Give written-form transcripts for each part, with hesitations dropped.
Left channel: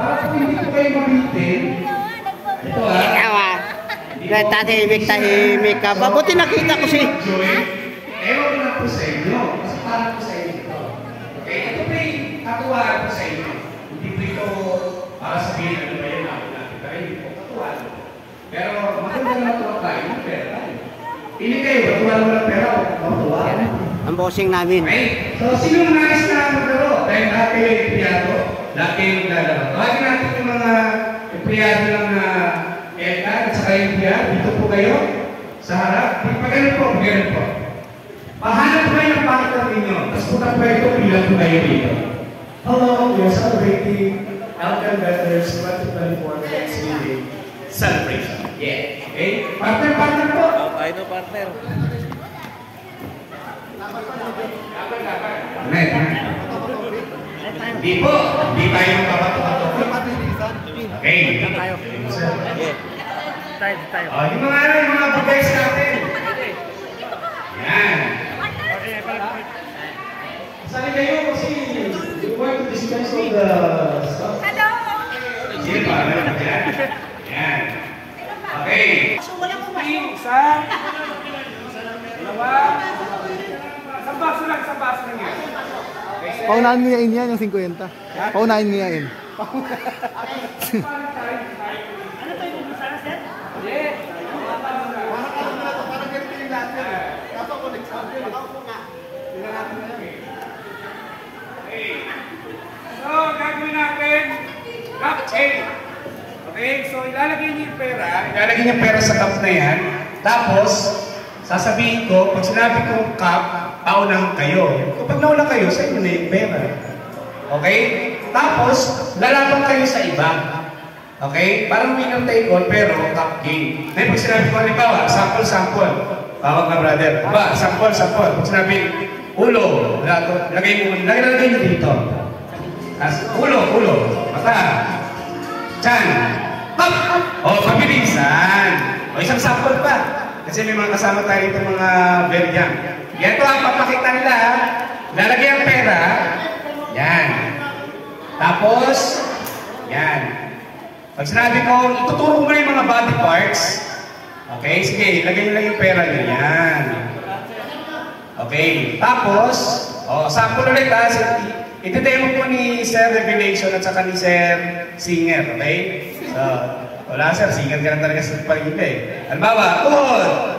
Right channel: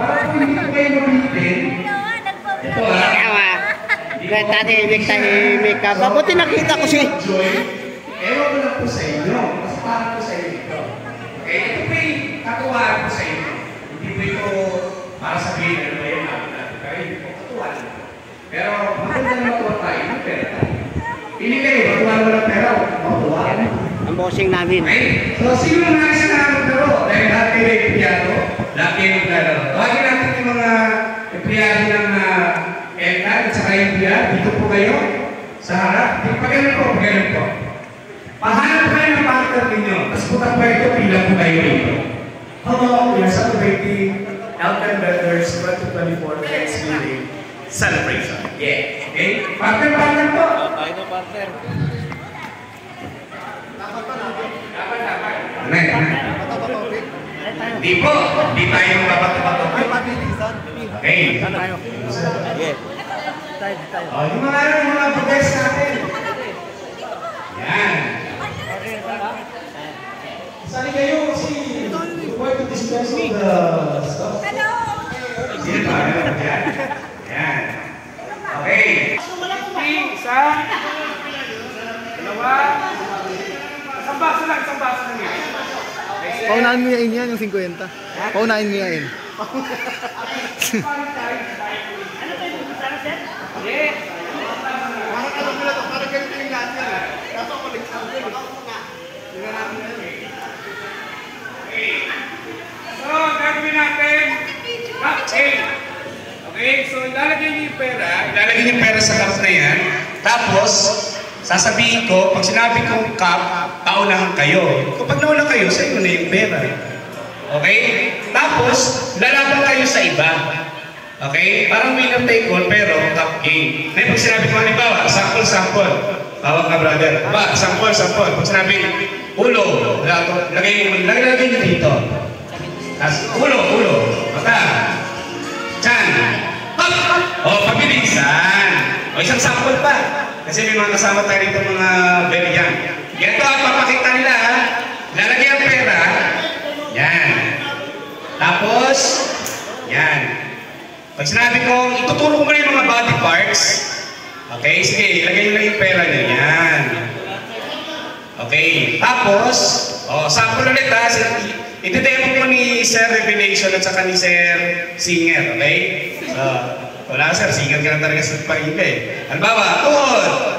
para kung hindi ko kayo mabitin, ito tahimik ka. Mabuti nakita ko si... Ewan ko lang po sa inyo. Kasi para po sa inyo ito. Okay, ito po yung katuwaan po sa inyo. Hindi po ito para sabihin ano ba yan natin. Pero hindi po katuwaan. Pero maganda na matuwa tayo ng pera. Pili kayo, matuwa naman ng pera o matuwa. Ang bossing namin. Okay, so sino nais na maglaro? Dahil lahat kayo ay empleyado, lahat kayo maglalaro. Tawagin natin yung mga empleyado ng ELCA at saka yung empleyado. Dito po kayo sa harap. Pagkalit po, pagkalit po. Pahanap kayo ng partner ninyo. Tapos punta po ito, bilang po kayo dito. Hello, we are celebrating Elkan Brothers 2024 Thanksgiving celebration. Yeah. Okay? Partner po. Ay, no partner. Dapat. Hindi po. Hindi tayo magpapato-pato. Ay, pabilisan. Okay. Tayo. Yung mga budes natin. Yan. Sali kayo kasi you want to dispense all the stuff. Sino pa? Yan. Okay. Isa. Dalawa. Isang baso lang yan. Paunahin mo yan yung 50. Paunahin mo yan. Parang ganito yung lahat yan eh. Kaso ako nagsabi. So, gagawin natin cup A. Okay, so ilalagay niyo yung pera sa cup na yan. Tapos, sasabihin ko, pag sinabi kong cup, paunahan kayo. Kapag nauna kayo, sa inyo na yung pera. Okay? Tapos, lalaban kayo sa iba. Okay? Parang winner table, pero cup game. May pag sinabi ko, halimbawa, sample. Tawag na brother. Ba, sample. Pag sinabi, ulo, lagay nyo dito. Ulo. Mata. Chan. O, pabilisan. O, isang sample pa. Kasi may mga kasama tayo dito mga very young. Yan to ang papakita nila. Lalagay ang pera. Yan. Tapos, yan. Pag sinabi ko, ituturo mo na yung mga body parts. Okay, sige, ilagay nyo lang yung pera nyo. Yan. Okay, tapos, sample ulit ha. Ito-demo po ni Sir Revelation at saka ni Sir Singer, okay? So, wala sir, singer ka lang talaga sa paligid eh. Halimbawa, tuhod.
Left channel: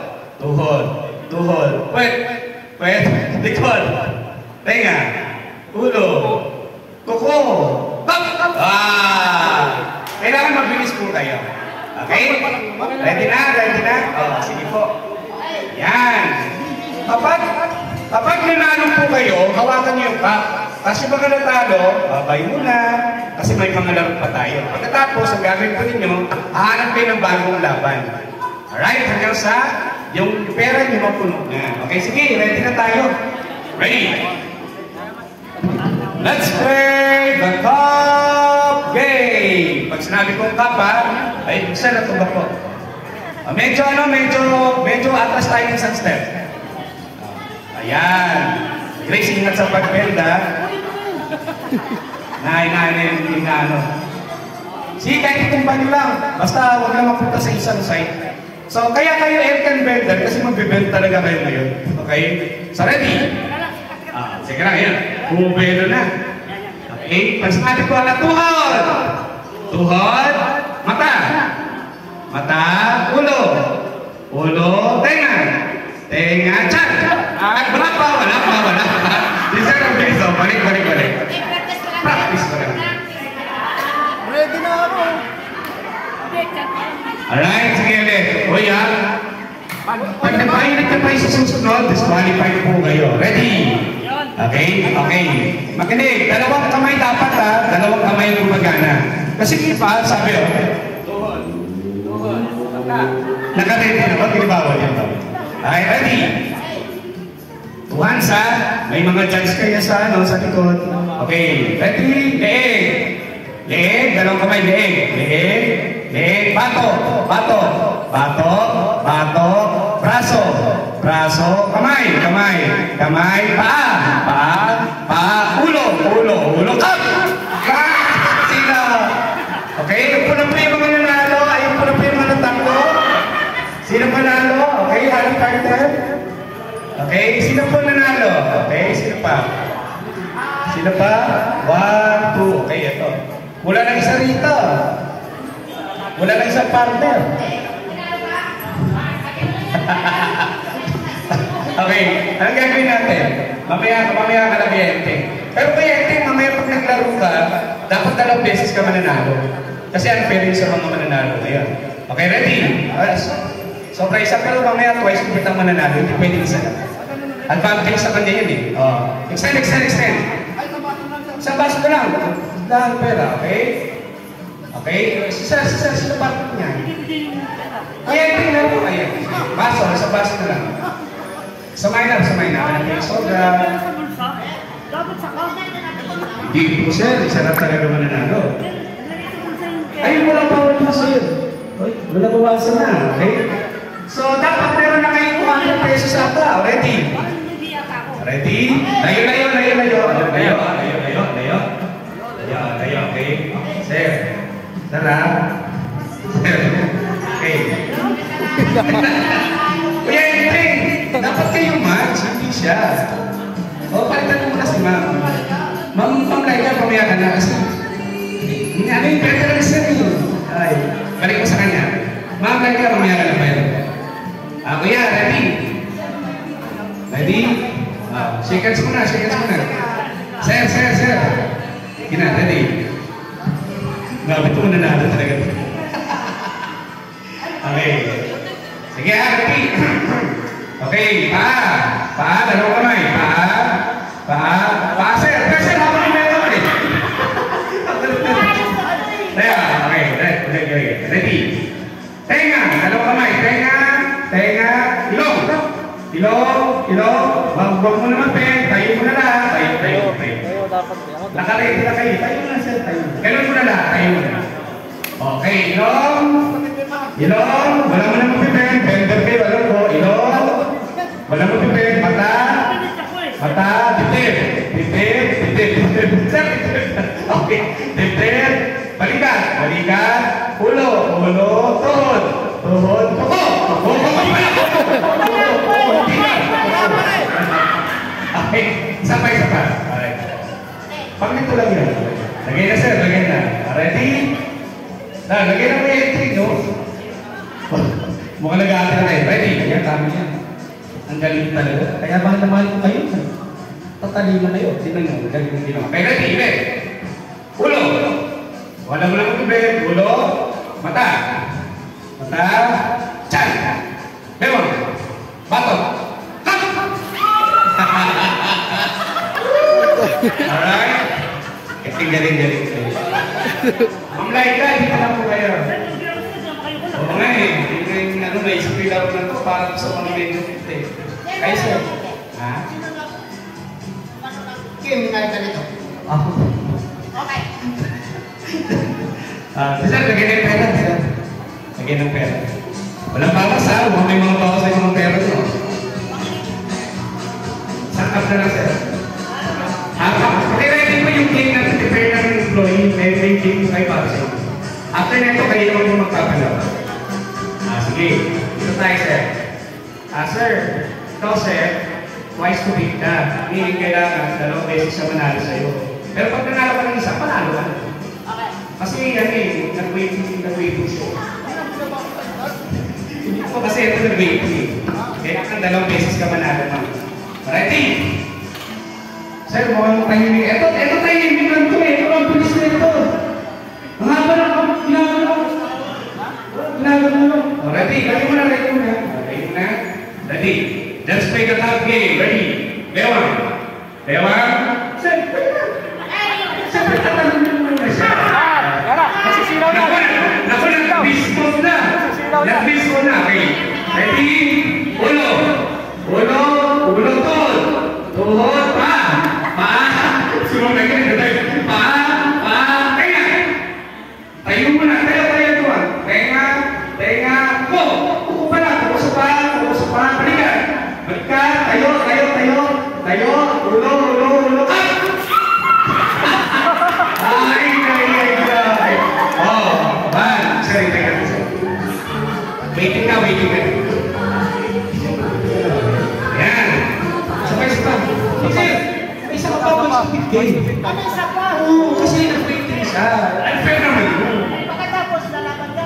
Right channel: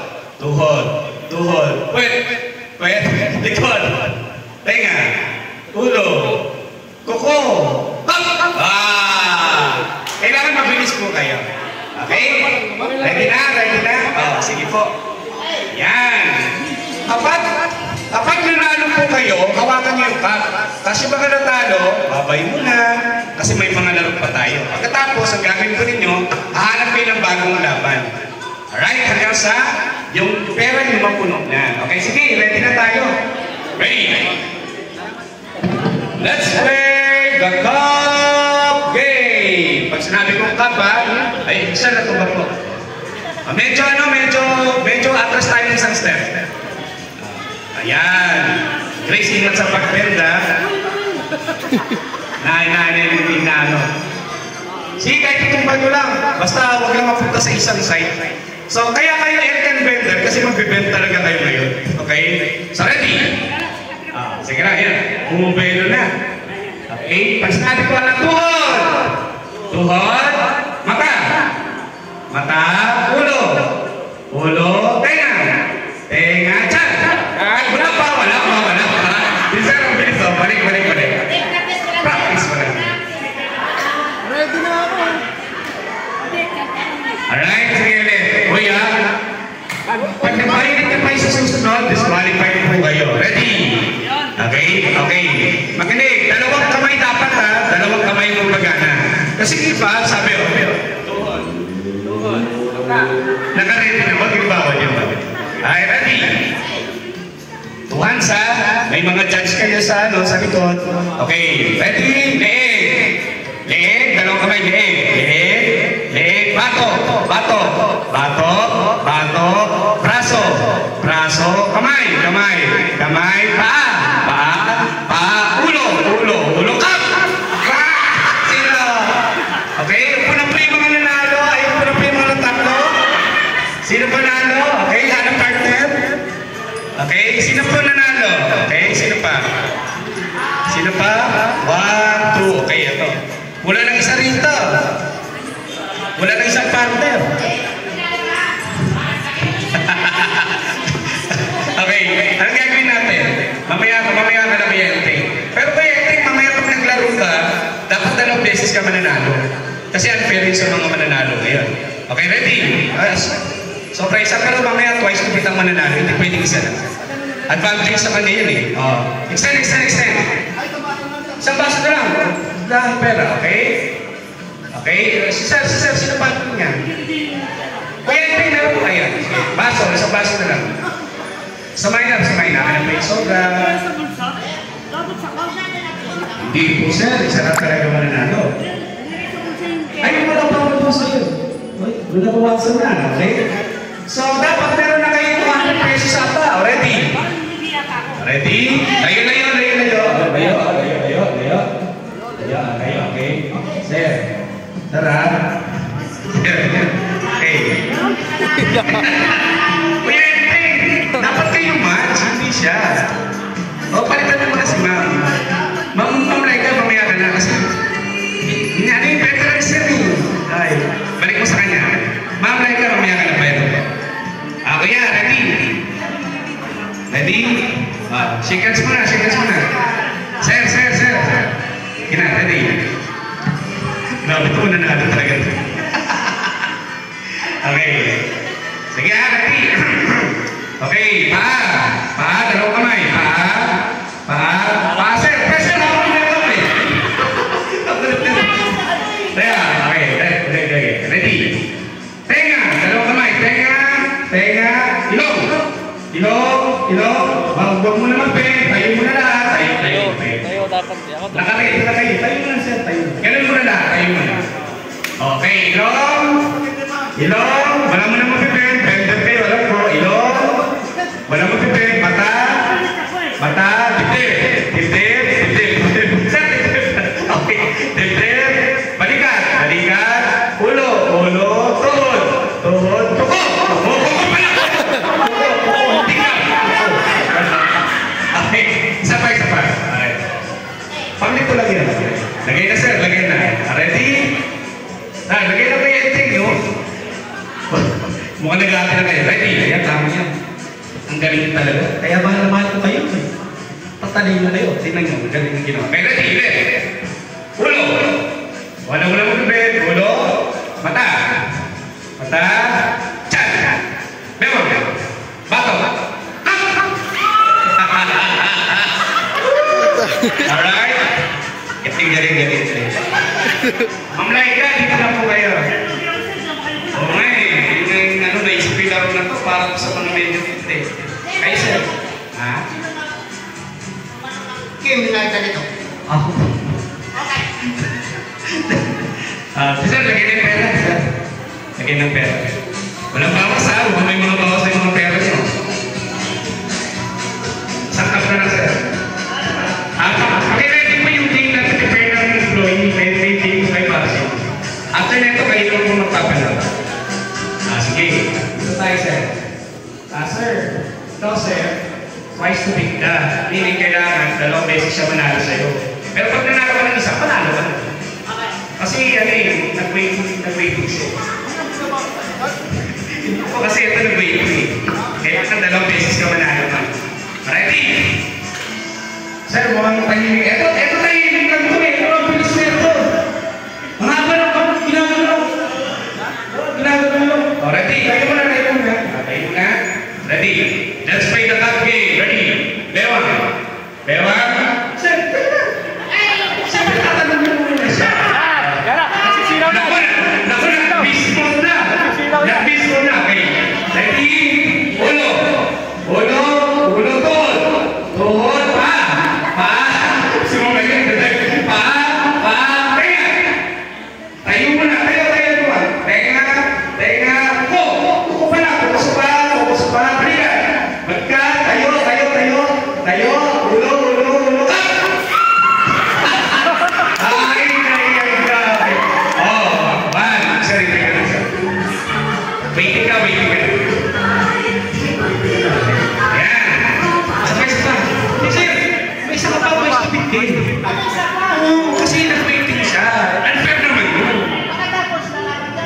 Pwet, likod, tenga, ulo, kuko. Kailangan mabilis po kayo. Okay? Ready na? Sige po. Yan. Kapag nanalo po kayo, hawakan niyo yung cup. Kasi pag natalo, babay muna. Kasi may mga laro pa tayo. Pagkatapos, ang gagawin ko ninyo, hahanap kayo ng bagong laban. Alright? Hanggang sa yung pera nyo mapuno na. Okay, sige. Ready na tayo. Ready? Let's play the cup game. Pag sinabi kong cup ay isa na tumba po. Medyo atras tayo ng isang step. Ayan. Grace, ingat sa pagbenda. Nainaanin na ano. Sige, kahit itumba nyo lang. Basta huwag lang mapunta sa isang side. So, kaya kayo Elkan Bender kasi magbibend talaga kayo ngayon. Okay? So, ready? Sige lang, yan. Bumubero na. Okay? Pag sinabi ko na tuhod, mata, ulo, tenga, chan. Wala pa. Bisa ka bilis daw. Balik. Practice ko lang. Ready na ako. Alright, sige ulit. Uy ha. Pag nagpalilit na tayo sa susunod, disqualified po kayo. Ready? Okay. Makinig. Dalawang kamay dapat ha. Dalawang kamay yung magana. Kasi diba, sabi tuhod. Nakaredy na. Huwag yung bawal yan. Okay, ready? Tuhan sa, may mga judge kayo sa likod. Okay, ready? Leeg, dalawang kamay, leeg, bato, braso, kamay, paa, ulo, cup! Sino? Sino pa? 1, 2. Okay, ito. Wala nang isa rito. Wala nang isang partner. Okay, anong gagawin natin? Mamaya ka na kliyente. Pero kliyente, mamaya pag naglaro ka, dapat 2 beses ka mananalo. Kasi unfair yun sa mga mananalo ngayon. Okay, ready? Sobra isa, pero mamaya twice kung kitang mananalo, hindi pwede isa lang. Advantage sa kanya yun eh. Extend. Isang baso na lang. Dahil pera, okay? Okay? Si Sir, sino partner niya? Kaya ito yung laro. Ayan. Baso, isang baso na lang. Samayin na. Kaya may soda. Hindi po sir, isa na talaga mananalo. Ay, wala pa po sir. Wala bawasan na, okay? So, dapat meron na kayo 200 pesos ata. Ready? Ready? Layo. Okay? Sir. Tara. Okay. Kuya, dapat kayo match, hindi siya. Palitan mo muna si ma'am. Ma'am Laika, mamaya ka na kasi. Ano yung better sir? Ay, balik mo sa kanya. Ma'am Laika, mamaya ka na ba ito? Kuya, ready? Ready? Shake hands muna. Sir. Ready? Nabuto mo na talaga. Okay. Sige, ready? Okay, paa, dalawang kamay, paa, sir, pressure lang ako niya ito eh. Okay, ready? Tenga, dalawang kamay, tenga, ilong, huwag mo naman tayo mo na lahat, tayo dapat. Nakaready, tayo mo na sir, ganun mo na lahat, tayo mo na. Okay, ilong, wala mo naman bender kayo, alam ko, ilong, wala mo mata, titir. Okay, titir, balikat, ulo, tuhod, tuko. Okay, isa pa. Alright. Paglit ko lang yan. Lagay na sir, lagay na. Ready? Lagay na kayo yung ting, no? Mukhang nag-aakit na kayo. Ready? Ayan, tama yan. Ang galing talaga. Kaya mahal na mahal ko kayo. Patalino kayo. Tingnan nyo, ang galing ng ginawa. Kaya ready, ulo. Wala mo naman tubig. Ulo. Mata. Chan. Bewang. Bato. Alright? Galing. Ma'am Laika, dito na po kayo. Okay, naisipin laro na to para sa mga medyo fit eh. Kayo sir? Ha? Kim, nagka nito. Ako. Okay. Sir, lagyan ng pera. Lagyan ng pera. Walang bawas ha? Huwag may mga bawas sa mga pera nyo. Sakap na sir. Pakilagin mo yung game natin prepare ng employee. May game kayo para siya. After nito, kayo lang po magpapalabas. Sige. Dito tayo, sir. Sir, ito, sir, twice to beat ka. Meaning kailangan, 2 beses siya manalo sa'yo. Pero pag nanalo ka ng isa, panalo ka na. Kasi, nag-waiting siya. Hindi po kasi ito nag-waiting eh. Kaya ka 2 beses ka manalo ka. Ready? Sir, mukhang tahimik. Ito tahimik lang ito eh. Pero ang bilis niya ito. Ang haba ng ginagawa ko. Ready? Kayo muna, Ready? Let's play the top game. Ready? Bewang. Sir, siyempre tatanong mo muna siya. Naku, nag-bis mo na. Okay. Ready? Ulo, tuhod, pa. Sumamay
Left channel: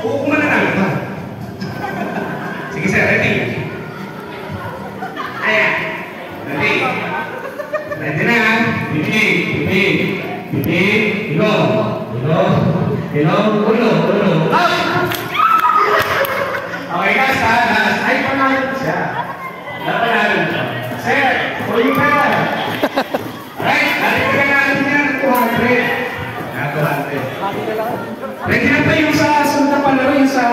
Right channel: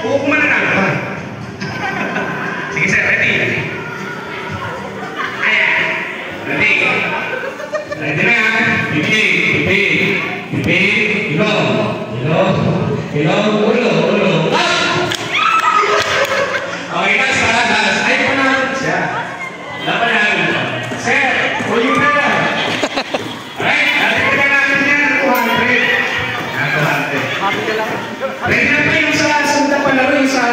Uukuman na namin ba? Sige sir, ready? Ayan. Ready? Ready na. Bibig. Ilong. Ulo. Okay, last. Ay, panalo siya. Napanalo siya. Sir, huli na. Alright, nalagyan natin yan ng 200. Ready na pa yung sa sundan palaro, yung sa...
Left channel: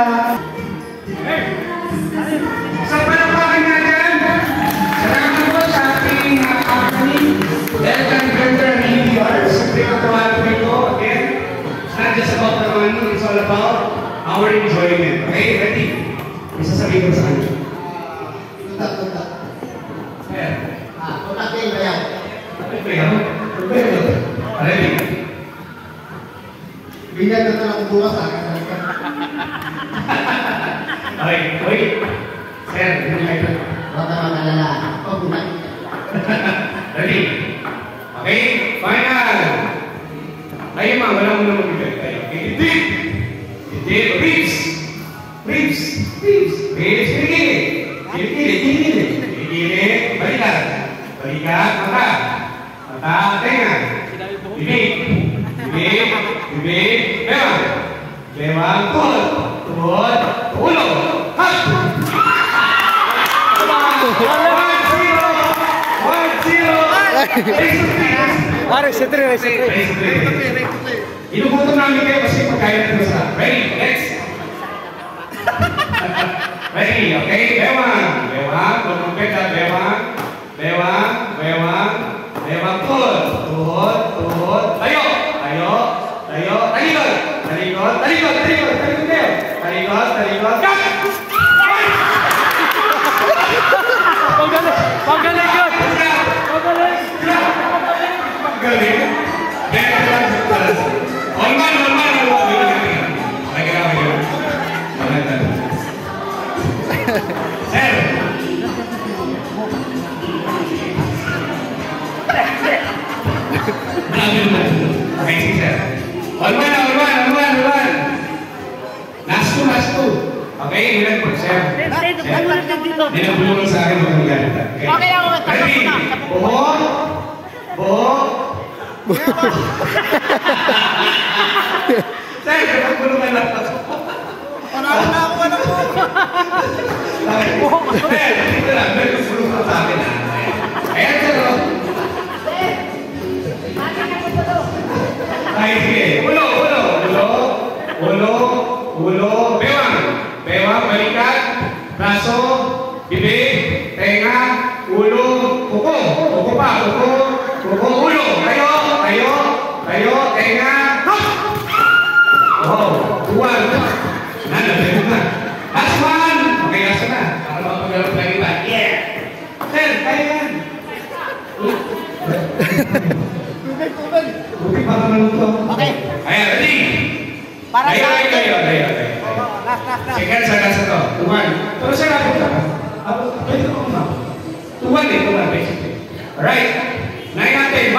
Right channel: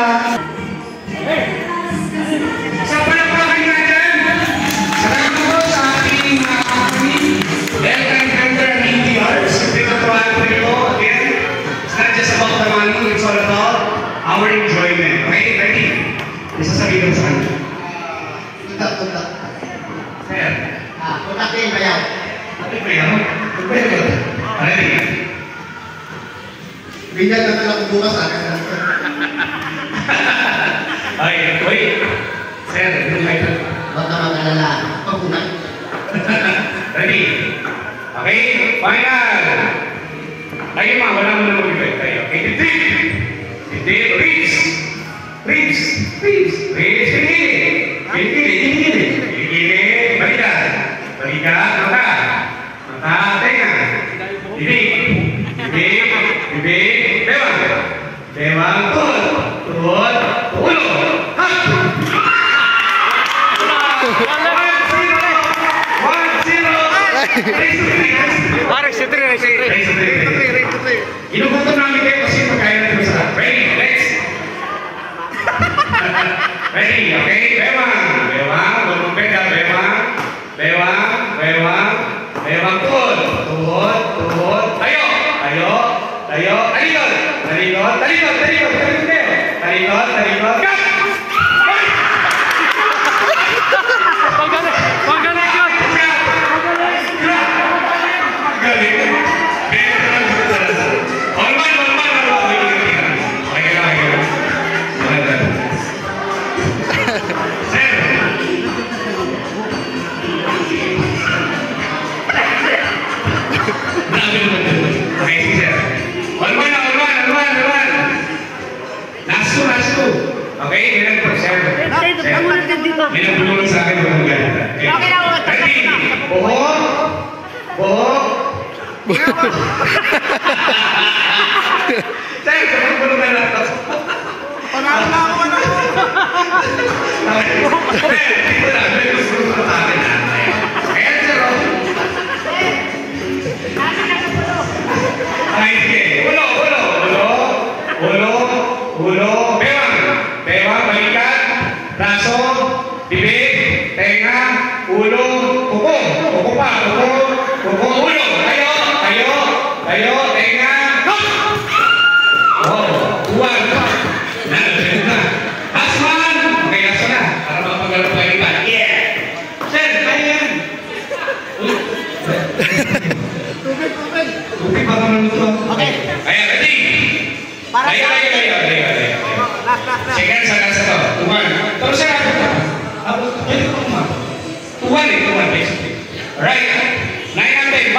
Sa palapakan natin, salamat po sa ating aking welcome vendor ng EDR. Siyempre natuwa ko ito. Again, it's not just about the money, it's all about our enjoyment. Okay, ready? Isasabihin ko sa kanya. Punta. Sir. Punta kayo ba yan? Ready? Binyag na lang bukas ha. Okay, wait. Sir, yung kayo. Huwag na mag-alala. Pagpunay. Ready? Okay, final. Kayo mga wala mo na mag-ibig kayo. Okay, dibdib, ribs. Gilid, balikat, mata, tenga. Bibig, bewang, tuhod, ulo. Parang sutri. Inubuto namin kayo kasi pagkain natin masarap. Ready, next. Ready, okay? Bewang, lumpeda, bewang, tuhod, tayo, talikod, cut! Last two. Okay, ilan po, sir? May nabulungan sa akin yung maganda. Okay lang, ready? Buhok. Sir, nabulungan na lang. Panalo na ako. Sir, dito lang. May gusto sa akin na. Ayan, sir. Ay, sige. Ulo. Bewang, balikat, braso, bibig, tenga, ulo, kuko, ulo, tayo, tenga, buwan, last one, okay, aso na, para mapagalaw balikat, yeah, sir, kaya yan, tubig pa naman ito, okay, ready, Para sa akin. Sige, sa to. Tuman. Terus saya apa? Jadi tuman. Tuman basically. Alright. Naik natin.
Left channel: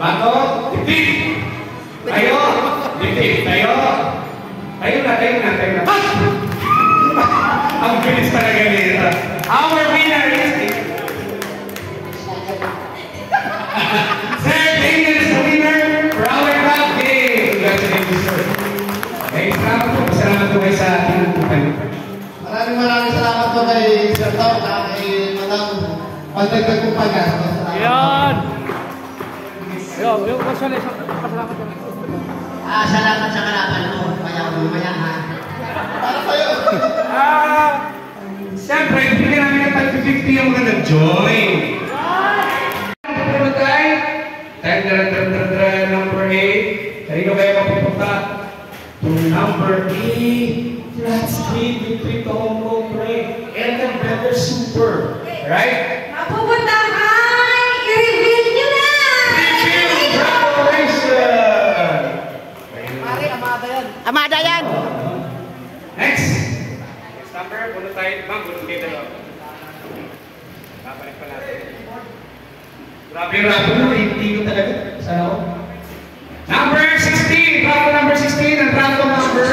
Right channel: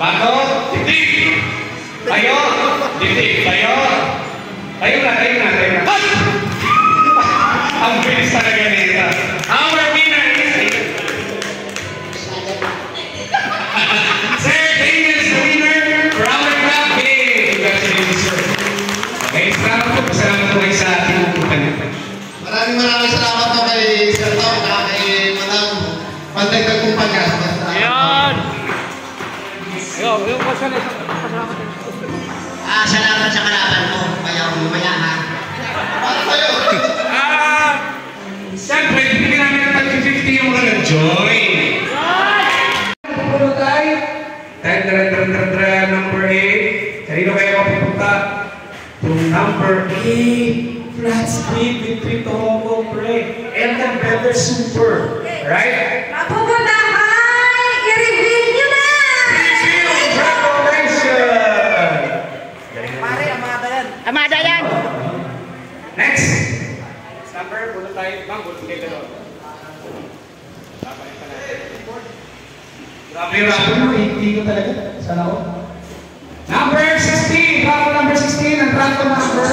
Bato. Dibdib. Tayo. Tayo na. Ang bilis talaga nito. Our winner is Sir Ding is the winner for our club game. Congratulations, sir. Okay, salamat po kayo sa ating kumpanya. Maraming salamat po kay Sir Tom at kay Madam Pantagdag Kumpanya. Ayan! Salamat sa kalaban mo. Maya ha. Para kayo. Siyempre, bibigyan namin ng tag 50 yung mga nag-join. Number 8. Kanino kayo mapupunta? To number 8. Flat screen with Crypto Hong Kong Pre. Elton Better Super. Right? Mapupunta kay i-reveal nyo na! Amada yan! Next! Number, bulot tayo. Ma'am, bulot kayo dalawa. Babalik pa natin. Grabe mo, hindi ko talaga. Sana ako. Number 16! Travel number 16 ang travel number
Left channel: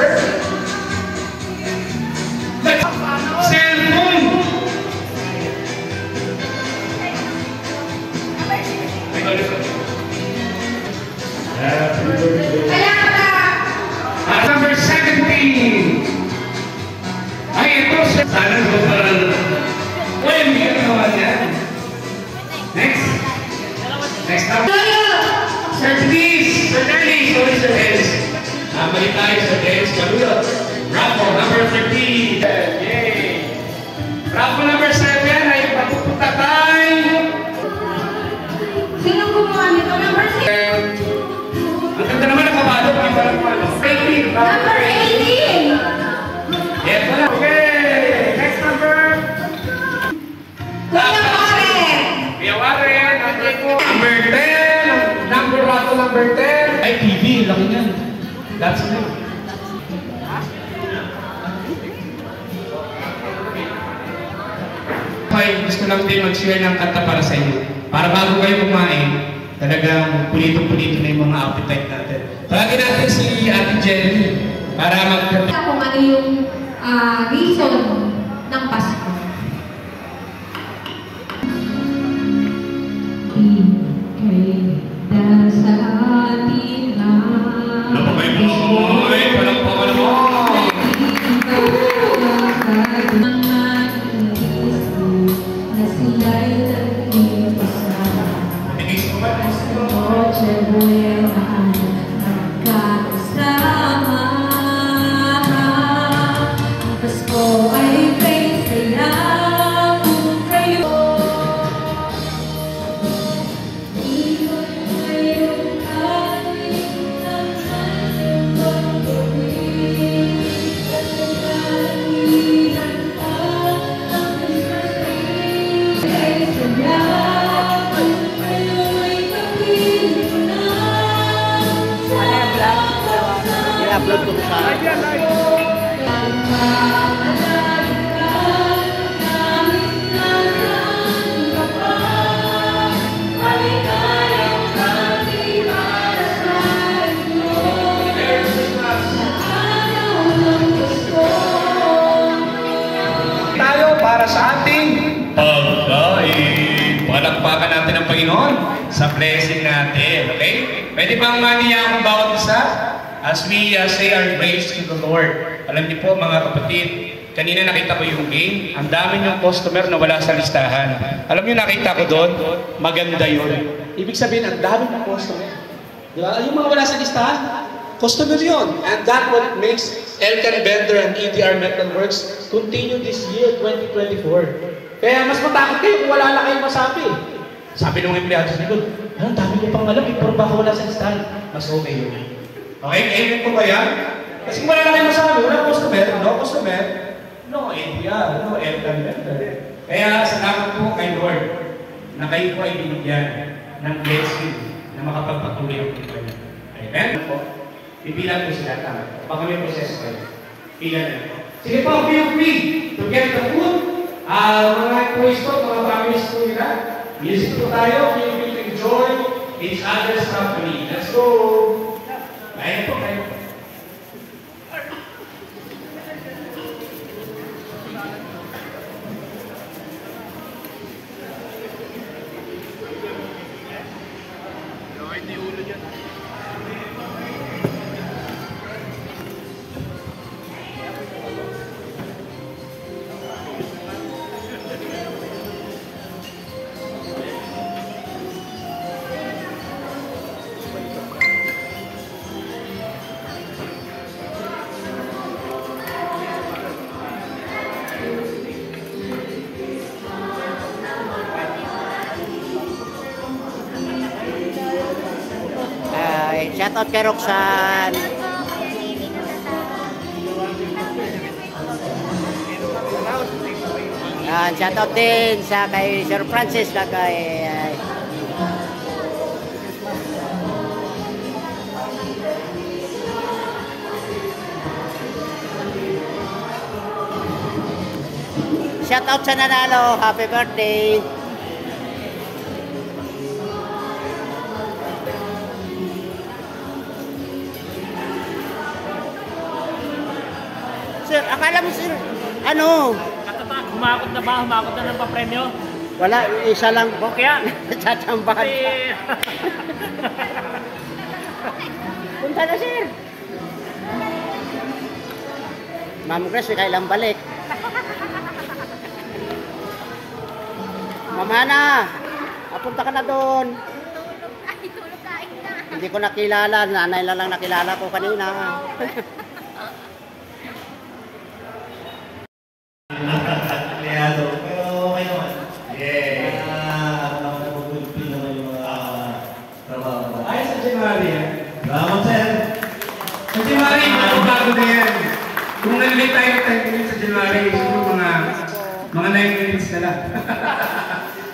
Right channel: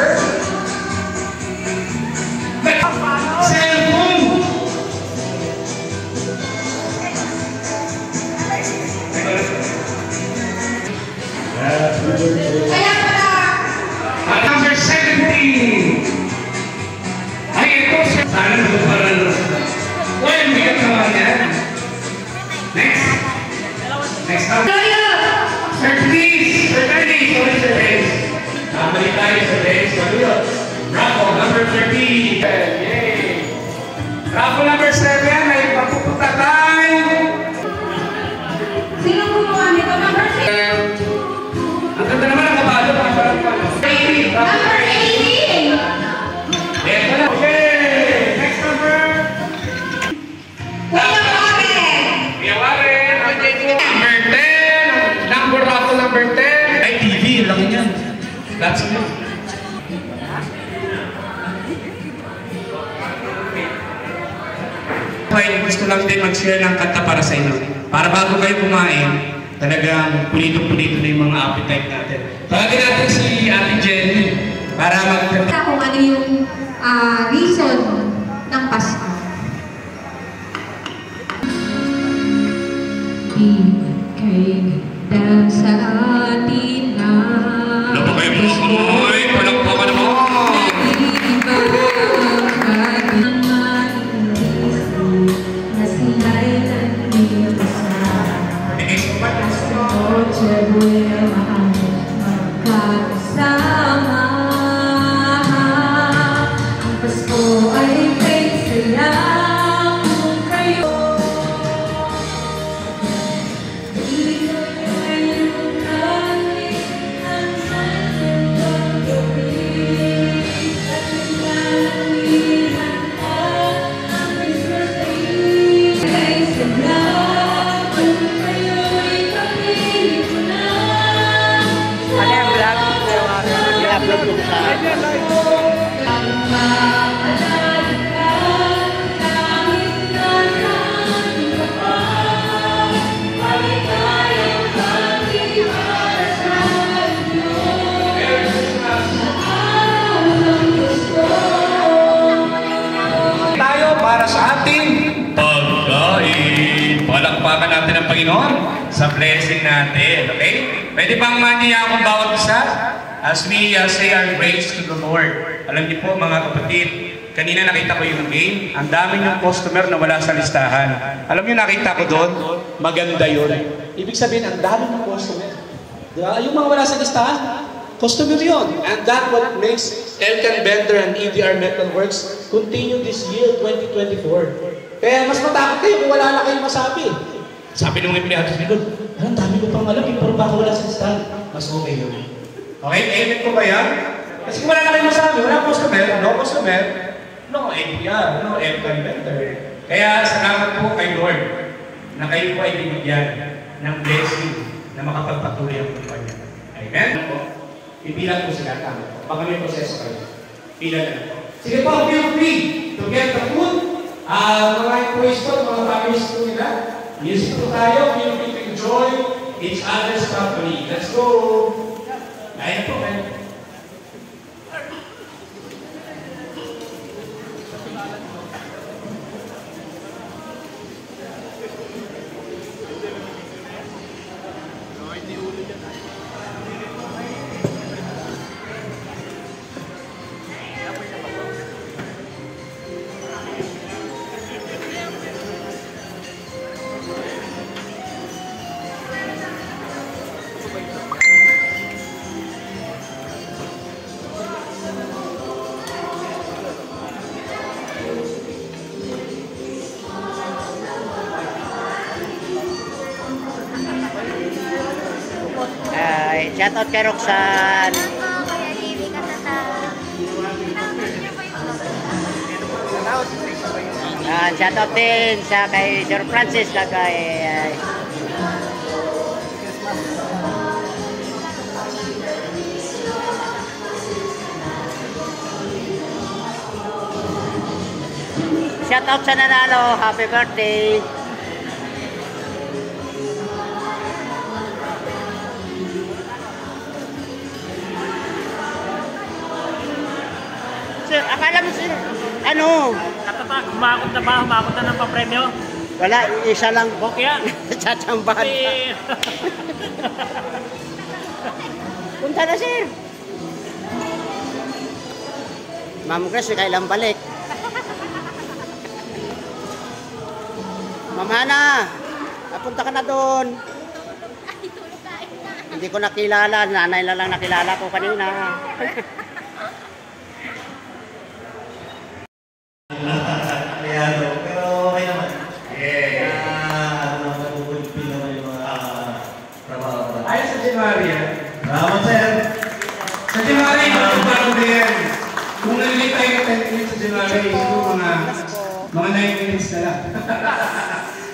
Kaya pala, Number 17. Ay, ito siya. Sana ito parang... Uy, umiyak naman yan. Next. Next up. Sir Denise. Sir Denise. Sorry, Sir Denise. Nabalik tayo, Sir Denise. Galuyo. Bravo, number 13. Yay. Bravo, number 7. Ay, papupunta tayo. sino gumawa nito? Number 6. Ang ganda naman ang kabalo. Parang palo. 18. Number 18. Yes, okay. Next number. Kuya Warren. Kuya Warren. Number 10. Number ako, number 10. Ay, TV. Laki niyan. That's me. Okay, gusto lang din mag-share ng kanta para sa inyo. Para bago kayo kumain, talagang pulito-pulito na yung mga appetite natin. Tawagin natin si Ate Jenny para mag-kanta. Kung ano yung reason ng Pasko. Dahil sa atin na Ano ba kayo mga kamay? Palakpakan mo! na sila'y nandito sa Noche Buena magkakasama. Ang Pasko ay may sayang kayo. Ito ay yung kanin ng kanyang pagkabi. At naglalamihan at ang isasay. Kay sayang kayo'y kapito na. I-upload ko sa... Tayo para sa ating pagkain. Palakpakan natin ang Panginoon sa blessing natin. Okay? Pwede bang maniya akong bawat isa? As we say our grace to the Lord. Alam niyo po mga kapatid, kanina nakita ko yung game. Ang dami yung customer na wala sa listahan. Alam niyo nakita ko doon, maganda yun. Ibig sabihin, ang dami ng customer. Di ba? Yung mga wala sa listahan, customer yun. And that what makes Elkan Bender and EDR Metalworks continue this year, 2024. Kaya mas matakot kayo kung wala na kayong masabi. Sabi nung empleyado sa likod, ang dami ko pang alam, pero baka wala sa listahan. Mas okay yun. Okay, amen po ba yan? Kasi kung wala na kayong masabi, wala customer, no EDR, no Elkan Bender. Kaya salamat po kay Lord na kayo po ay binigyan ng blessing na makapagpatuloy ang buhay. Amen po. Bibilang po sila tama. Baka may proseso kayo. Pila na po. Sige po, feel free to get the food. Mga pwesto, mga families po nila. Music po tayo. Feel free to enjoy each other's company. Let's go! Kaya po, kaya po. Shoutout kay Roxanne. Shoutout din sa kay Sir Francis na kay shoutout sa nanalo. Happy birthday. Sir, akala mo sir, ano? Katatak, humakot na ba? Humakot na ng papremyo? Wala, isa lang. Bokya? Tatsambahan pa. Punta na, sir. Ma'am Grace, kailan balik? Ma'am Hana, papunta ka na doon. Ay, tulog kain na. Hindi ko nakilala, nanay na lang nakilala ko kanina. Aliado, pero okay naman. Yeah. Napupulpil naman yung mga trabaho natin. Ayos sa January yan. Salamat, sir. Sa January, bago na yan. Kung nalilay tayo ng 10 minutes sa January, yung mga 9 minutes na lang.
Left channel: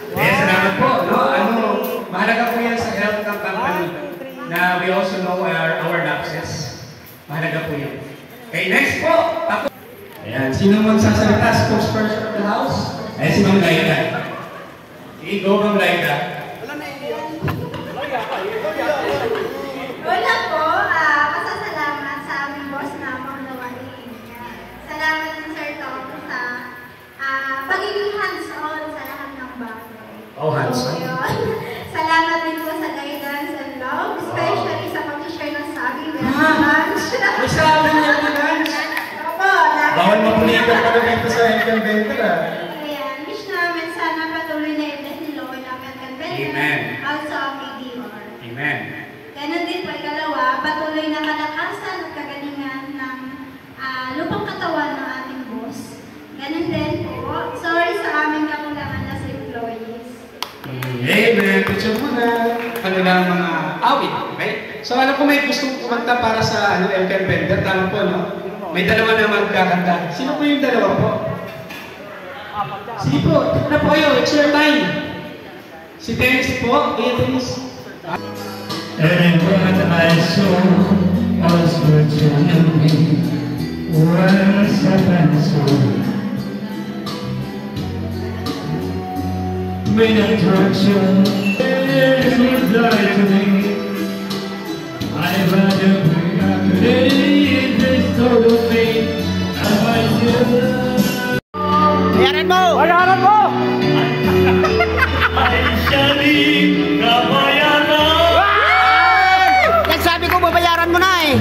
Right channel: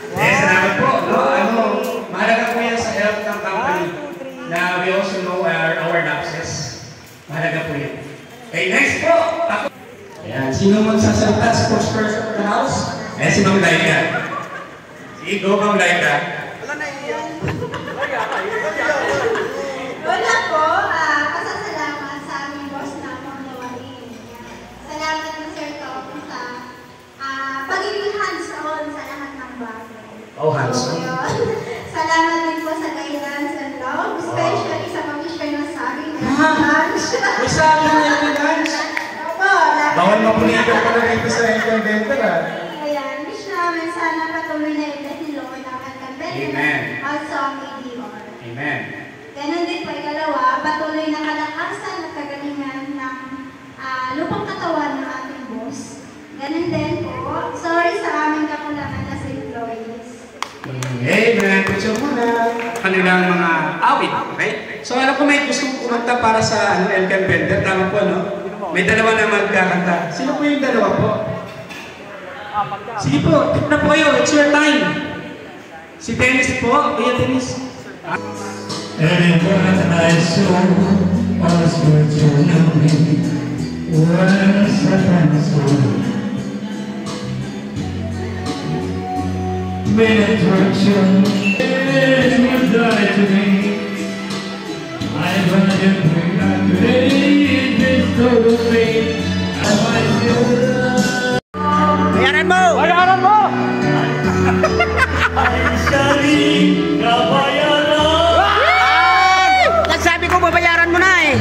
Eh, salamat po. No? Mahalaga po yan sa health ng company na we also know our lapses. Mahalaga po yan. Okay, next po. Ako. Ayan, sino magsasalita? Spokesperson of the house? Ayan, si Ma'am Laika. Sige, go Ma'am Laika. Wala po, pasasalamat sa aming boss na panglawain. Salamat na Sir Tom sa pagiging hands-on sa lahat ng bagay. Oh, hands-on. So, yun. Salamat din po sa guidance and love, especially sa pag-share ng sa amin lunch. May sabi niya ni Lance. Opo, Bawal mapulitan ka na dito sa Elton Venter, ah. Ayan, wish namin sana patuloy na i-bless ni Lord ang Elton Venter. Amen. Also ang ADR. Amen. Ganon din po, ikalawa, patuloy na kalakasan at kagalingan ng lupang katawan ng ating boss. Ganon din po, sorry sa aming kakulangan as employees. Amen. Putyo mo na. Kanilang mga awit, okay? So alam ko may gusto kumanta para sa Elton Venter. Tama po, no? May dalawa na magkakanta. Sino po yung dalawa po? Sige po, pick na po kayo. It's your time. Si Dennis po. Iya, Dennis. Everyone I saw was good to me. Was heaven sweet. When I touch you, it will die to me. I'd rather bring out today in this totally. I might just. Bayaran mo! Bayaran mo! Ay, sharing na bayaran! Nagsabi ko, babayaran mo na eh.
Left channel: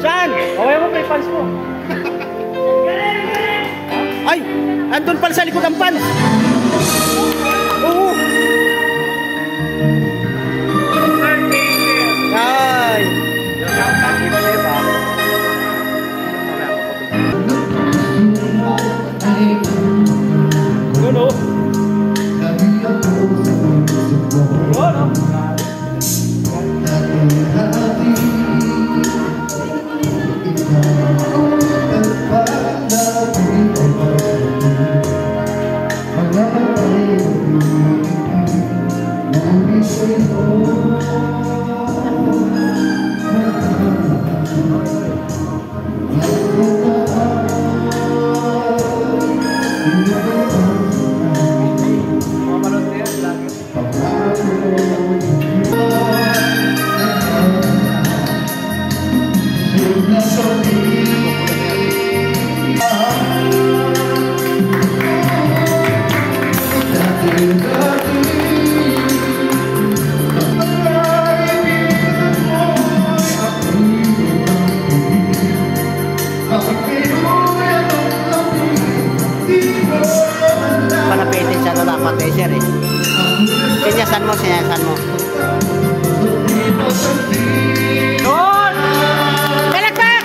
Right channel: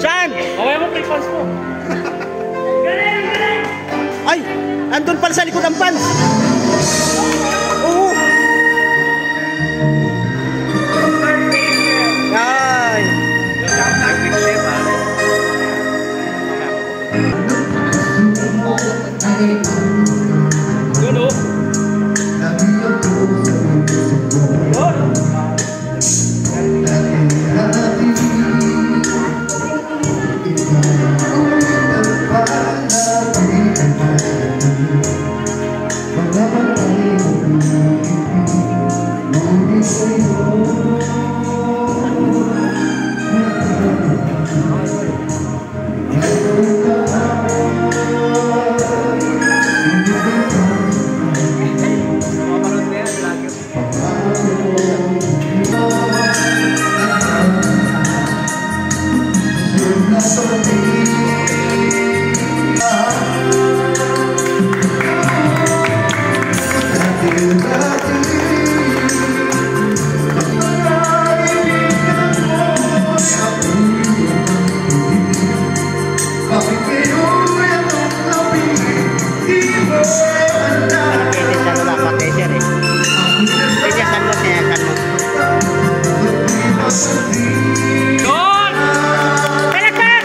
Saan? Okay mo, may pants mo. Ay! Andun pala sa likod ang pants! Oo! Ay! Yun, oh. Yun, oh. Sinyasan mo, sinyasan mo. Doon! Talakpak!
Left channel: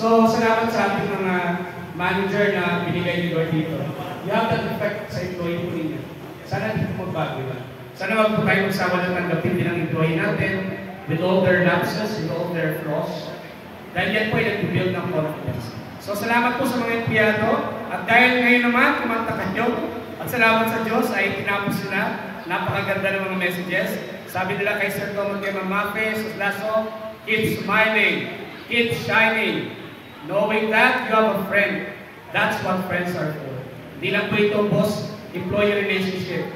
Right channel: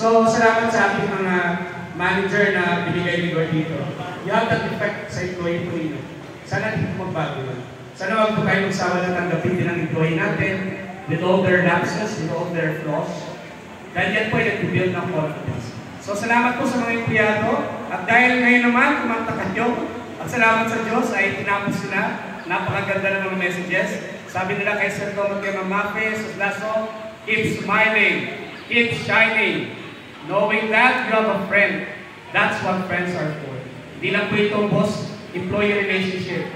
So, salamat sa ating mga manager na binigay ni Lord dito. You have that effect sa employee po ninyo. Sana dito magbago lang. Sana wag po tayo magsawa na tanggapin din ang employee natin. with all their lapses, with all their flaws. Dahil yan po ay nag-build ng confidence. So salamat po sa mga empleyado. At dahil ngayon naman, kumanta kayo. At salamat sa Diyos ay tinapos sila. Napakaganda ng mga messages. Sabi nila kay Sir Tom at kay Mamafe, sa Lasso, keep smiling, keep shining. Knowing that you have a friend. That's what friends are for. Hindi lang po itong boss-employee relationship.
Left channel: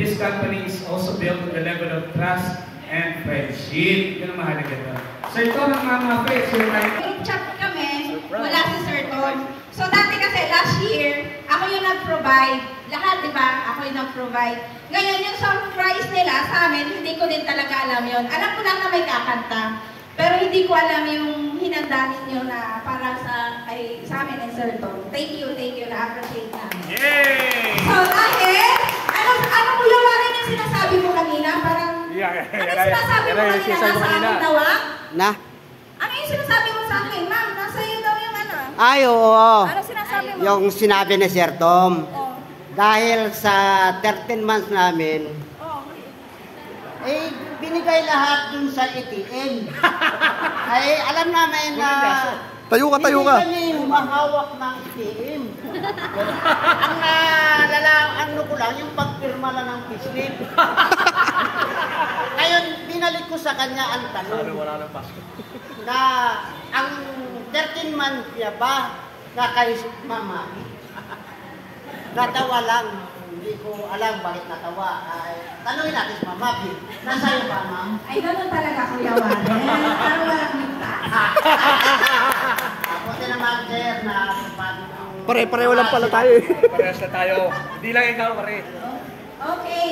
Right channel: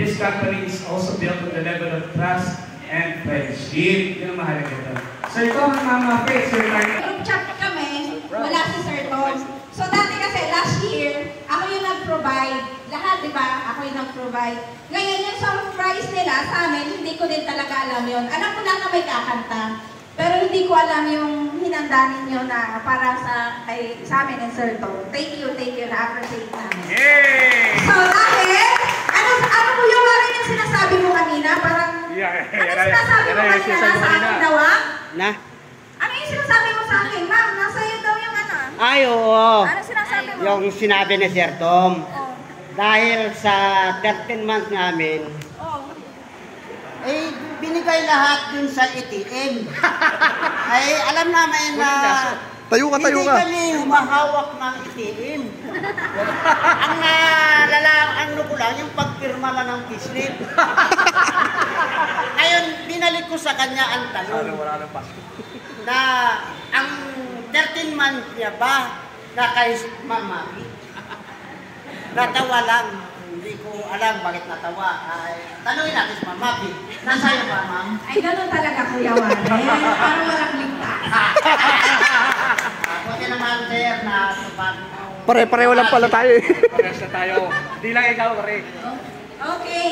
This company is also built on the level of trust and friendship. Yun ang mahalaga doon. Sir Tom at Mamafe, Sir Tom. Group chat kami, wala si Sir Tom. So dati kasi last year, ako yung nag-provide. Lahat, di ba? Ako yung nag-provide. Ngayon, yung surprise nila sa amin, hindi ko din talaga alam yun. Alam ko lang na may kakanta. Pero hindi ko alam yung hinanda ninyo na para sa amin and Sir Tom. Thank you, na-appreciate namin. Yay! So dahil, ano ko yung mga yung sinasabi mo kanina? Parang, ano sinasabi mo kanina? Nasa akin daw, ah? Na? Ano yung sinasabi mo sa akin, ma'am? Nasa iyo daw yung ano? Ay, oo. Ano sinasabi mo? Yung sinabi ni Sir Tom. Oh. Dahil sa 13 months namin, Oh. eh, binigay lahat dun sa ATM. Ay, alam namin na Tayo ka. hindi kami humahawak ng ATM. Ano ko lang, yung pagpirma lang ng payslip. Ngayon, binalik ko sa kanya ang tanong na ang 13 months niya ba na kay Mama? Natawa lang. Hindi ko alam bakit natawa. Tanungin natin si Mama. Nasa'yo ba, Ma'am? Ay, ganun talaga, Kuya Warren. Parang walang ligtas. Buti naman, sir, na Pare-pareho lang pala tayo eh. Parehas na tayo. Di lang ikaw, pare. Okay.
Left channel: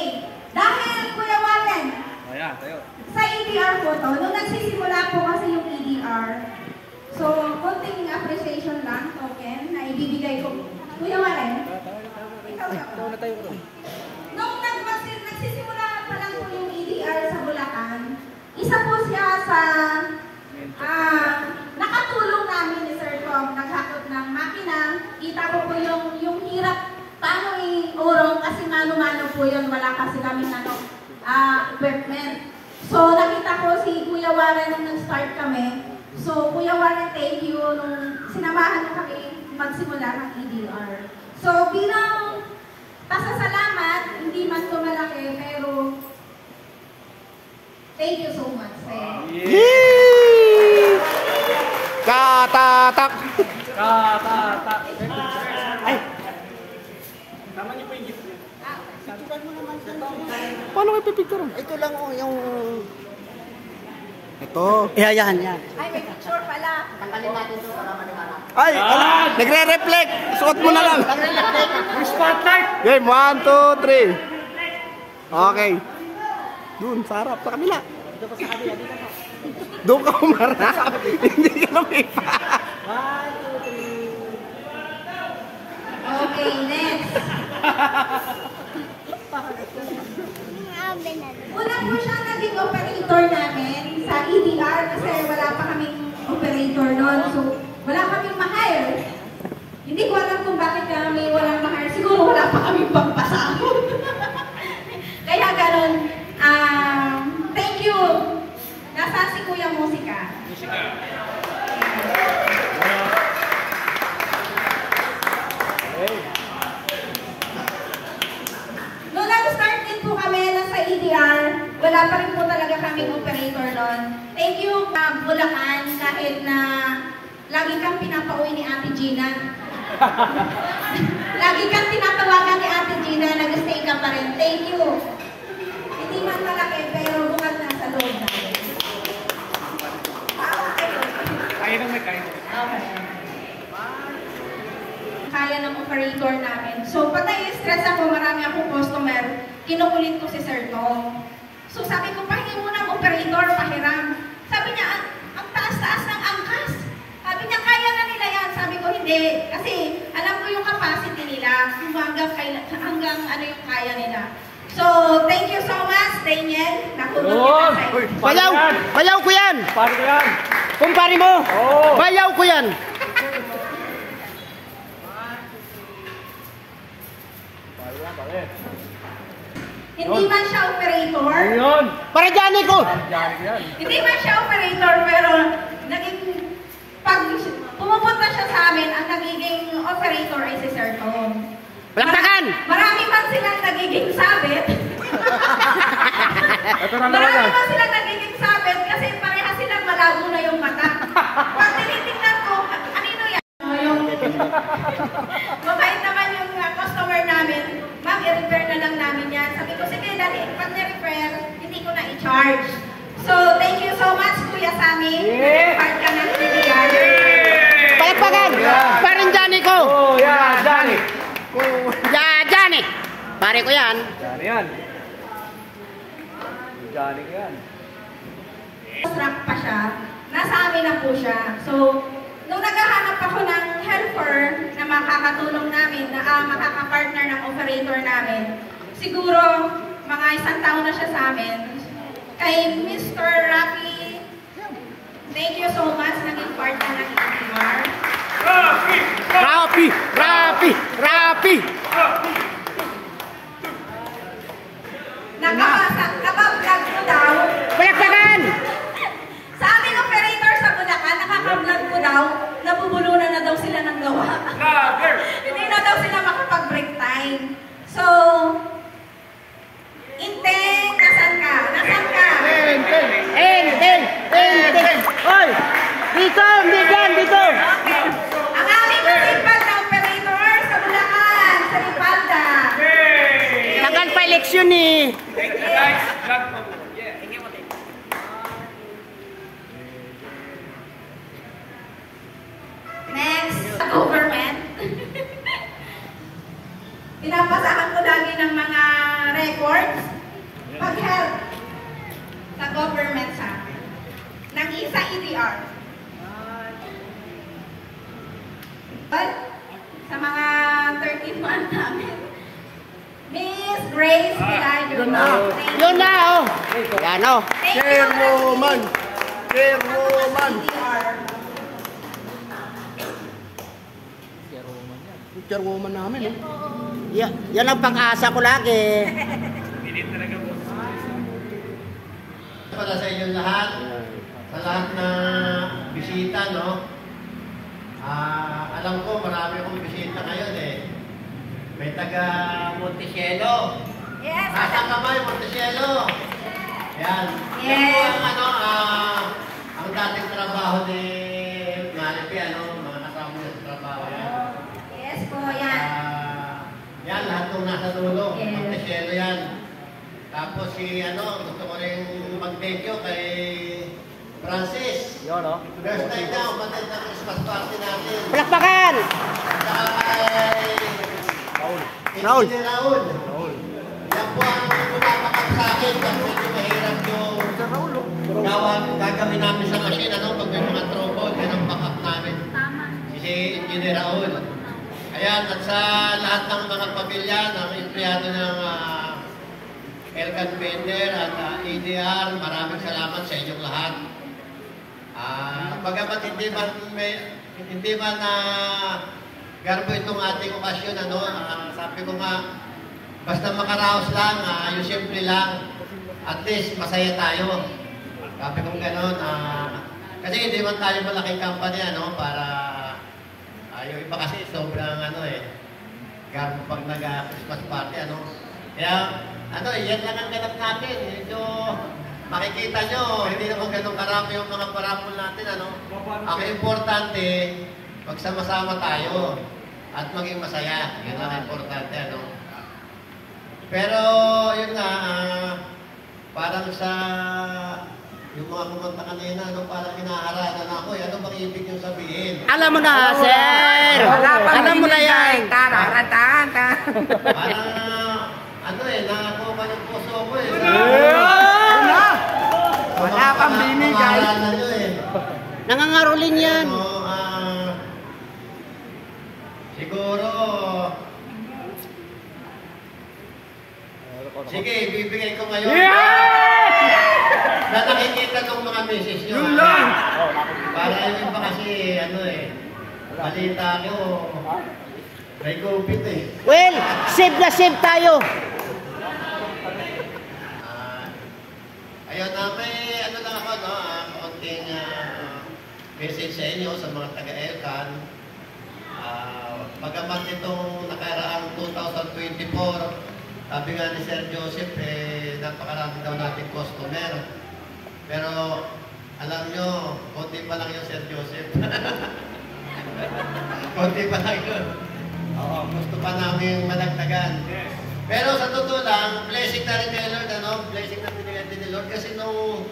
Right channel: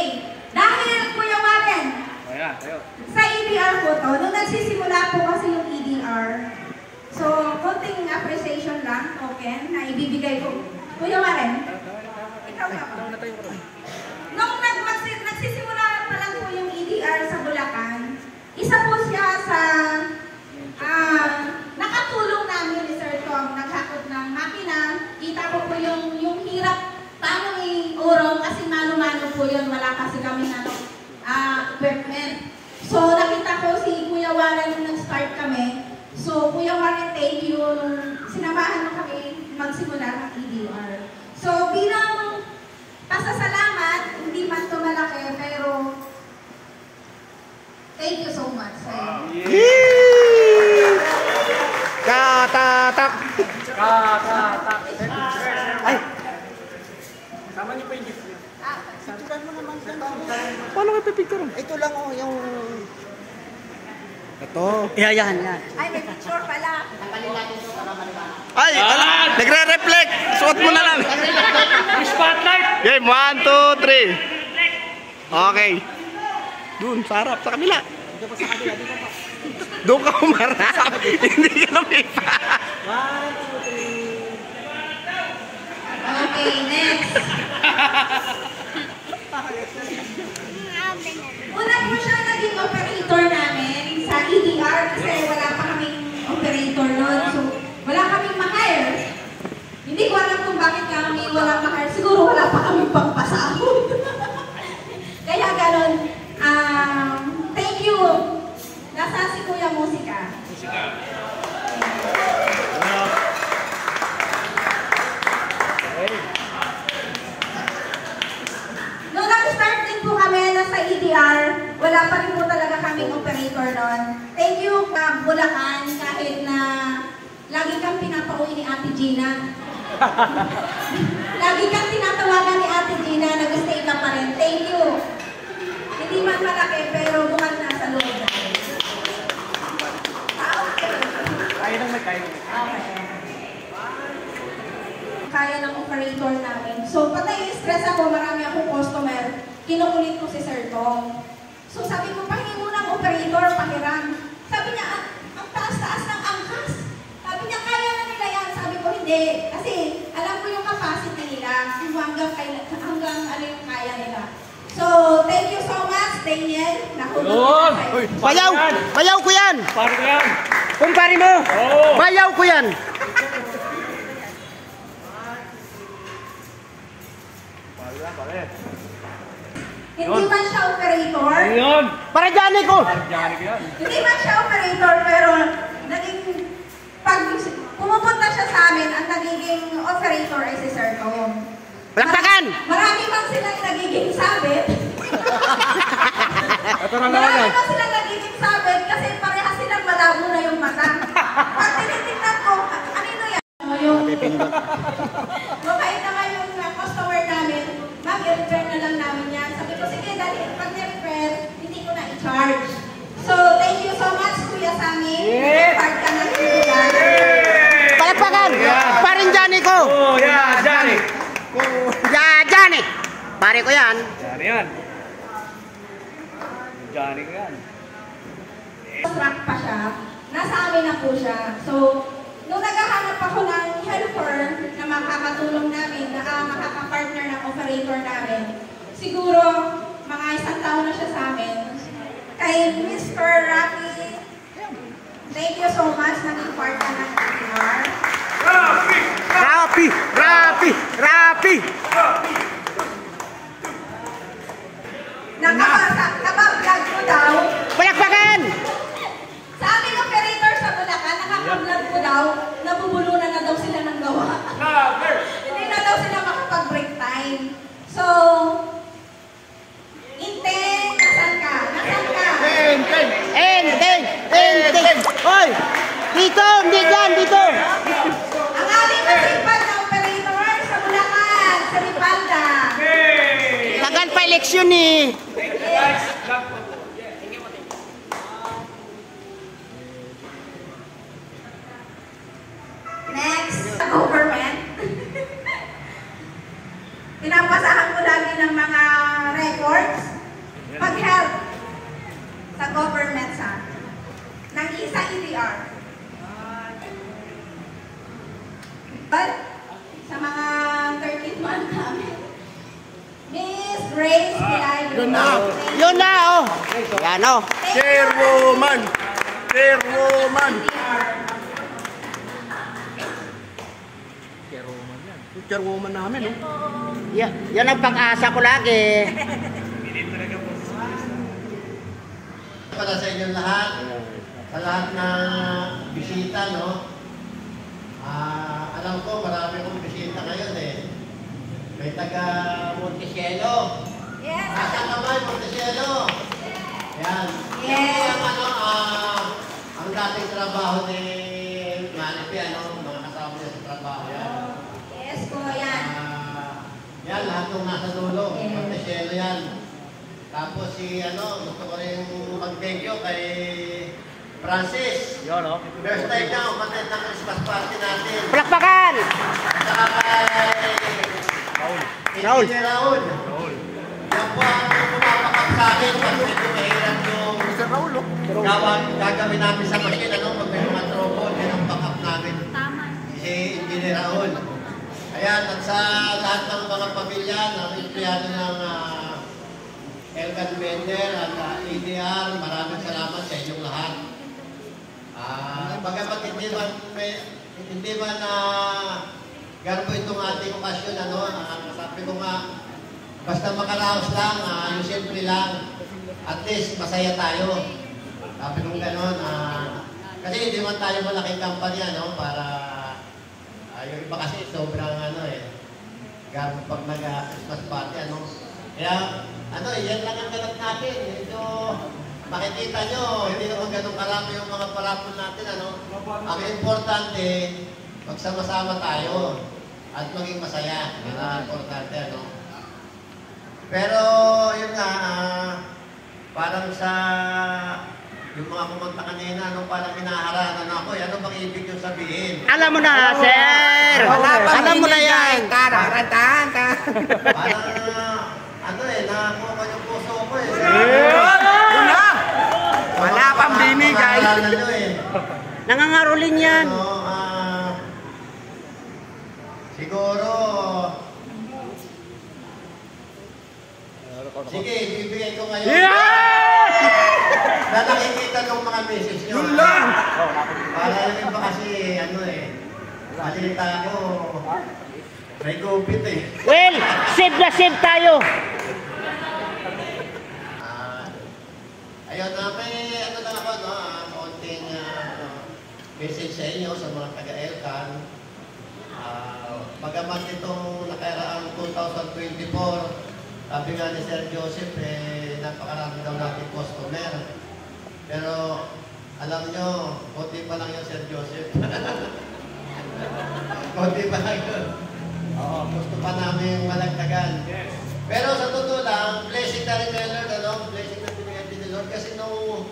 Dahil, Kuya Warren, Ayan, tayo. sa EDR po to, nung nagsisimula po kasi yung EDR, so, konting appreciation lang, token, na ibibigay ko. Kuya Warren, ikaw ba? Nung nagsisimula pa lang po yung EDR sa Bulacan, isa po siya sa nakatulong namin ni Sir Tom, naghakot ng makina. Kita ko po yung hirap paano i-urong kasi mano-mano po yun, wala kasi kami equipment. So nakita ko si Kuya Warren nung nag-start kami. So Kuya Warren, thank you nung sinamahan mo kami magsimula ng EDR. So bilang pasasalamat, hindi man ito malaki, pero thank you so much. Katatak. Ay! Tama niyo pa yung gift niyo. Picturean mo naman sa Paano kayo pipicturean? ito lang yung... Ito. Yan. Ay, may picture pala. Ay, nagre-reflect. Suot mo na lang. Spotlight! Game, 1, 2, 3. Okay. Dun, sa harap, sa kabila. Doon ka umarap. Hindi ka lumipa. Okay, next. Una po siya naging operator namin sa EDR kasi wala pa kaming operator noon. So, wala kaming ma-hire. Hindi ko alam kung bakit kami walang ma-hire. Siguro wala pa kaming pagpasahod. Kaya ganun. Thank you. Nasaan si Kuya Musika? Nung nag-start din po kami sa EDR, wala pa rin po talaga kaming operator doon. Thank you, Bulacan, kahit na lagi kang pinapauwi ni Ate Gina. Lagi kang tinatawagan ni Ate Gina, nag-stay ka pa rin. Thank you. Hindi man malaki, pero bukas na sa loob natin. Okay. Kaya naman, kaya. Okay. Kaya ng operator namin. So, patay stress ako, marami akong customer. Kinukulit ko si Sir Tom. So, sabi ko, pahingi mo ng operator, pahiram. Sabi niya, ang taas-taas ng angkas. Sabi niya, kaya na nila yan. Sabi ko, hindi. Kasi, alam ko yung capacity nila. Hanggang ano yung kaya nila. So, thank you so much, Daniel. Yun! Bayaw ko yan! Paano ko yan? Kumpari mo! Oo! Bayaw ko yan! Hindi man siya operator. Ayun. Para Johnny ko! Johnny ko yan. Hindi man siya operator, pero naging, pag pumupunta siya sa amin, ang nagiging operator ay si Sir Tom. Palakpakan! Marami man silang nagiging sabit. Ito lang Marami naman. man silang nagiging sabit kasi pareha silang malabo na yung mata. Pag tinitingnan ko, kanino yan? Yung mabait naman yung customer namin, ma'am, i-refer na lang namin yan. Sabi ko, sige, dali, pag na-refer, hindi ko na i-charge. So, thank you so much, Kuya Sammy. Part ka na yan. Palakpakan! Parin Johnny ko! Oh, yan, Johnny. Johnny! Pare ko yan. Johnny yan. Johnny ko yan. Track pa siya, nasa amin na po siya. So, nung naghahanap ako ng helper na makakatulong namin, na makakapartner ng operator namin, siguro mga 1 taon na siya sa amin. Kay Mr. Rafi, thank you so much, naging partner ng EDR. Rapi! Nakablog ko daw. Palakpakan! Sa aming operator sa Bulacan, nakaka-vlog ko daw, nabubulunan na daw sila ng gawa. Hindi na daw sila makapag-break time. So, Inteng, nasan ka? Enteng! Hoy! Dito! Hindi dyan! Dito! Ang aming masipag na operator sa Bulacan, sa Lipalda. Tagal pa eleksyon eh! Next, sa government. Pinapasahan ko lagi ng mga records. Pag-help sa government sa akin. Ng isa EDR. But, sa mga 13 months namin. Miss Grace Pilayo. Yun na oh! Yan oh! Chairwoman! Chairwoman namin oh! Yan ang pag-asa ko lagi! Para sa inyong lahat, sa lahat na bisita, no? Alam ko, marami akong bisita ngayon eh. May taga Montecielo. Yes! Nasaan ka ba, Montecielo? Yan. Yan po ang dating trabaho ni Maripi, mga kasama niya sa trabaho. Yan. Yes po, yan. Yan, lahat ng nasa dulo. Yes. Montecielo yan. Tapos gusto ko rin mag-thank you kay Francis. Yun, oh. First time na umatend ng Christmas party natin. Palakpakan! Saka kay Raul. Engineer Raul. Yan po ang pumapakap sa akin pag medyo mahirap yung gagawin namin sa machine, pag may mga trouble, yan ang backup namin. Si Engineer Raul. Ayan, at sa lahat ng mga pamilya, ng empleyado ng Elkan Bender at EDR, maraming salamat sa inyong lahat. Bagamat hindi man garbo itong ating okasyon, sabi ko nga, basta makaraos lang, yung simple lang, at least masaya tayo. Sabi ko gano'n, kasi hindi man tayo malaking company, para yung iba kasi sobrang garbo pag nag-Christmas party, Kaya, yan lang ang ganap natin. Medyo makikita nyo, hindi naman ganun karami yung mga parapol natin, Ang importante, magsama-sama tayo at maging masaya. Yan ang importante, Pero, yun nga, parang sa yung mga kumanta kanina, parang hinaharangan ako, ano bang ibig yung sabihin? Alam mo na, sir! Alam mo na yan! Parang, nakakuha yung puso ko eh. Wala pang binigay. Nangangarulin yan! Siguro, sige, ibibigay ko ngayon. Na nakikita ng mga misis nyo. Yun lang! Para yung iba kasi, balita ko, may COVID eh. Well, save na save tayo! Ayun, may ano lang ako, no? Kaunting message sa inyo sa mga taga-Elcan. Bagamat itong nakaraang 2024, sabi nga ni Sir Joseph, napakarami daw natin customer. Pero alam nyo, konti pa lang yung Sir Joseph. Konti pa lang yun. Oo, gusto pa namin malagtagan. Pero sa totoo lang, blessing na rin ni Lord, ano? Blessing na pinigyan din ni Lord. Kasi nung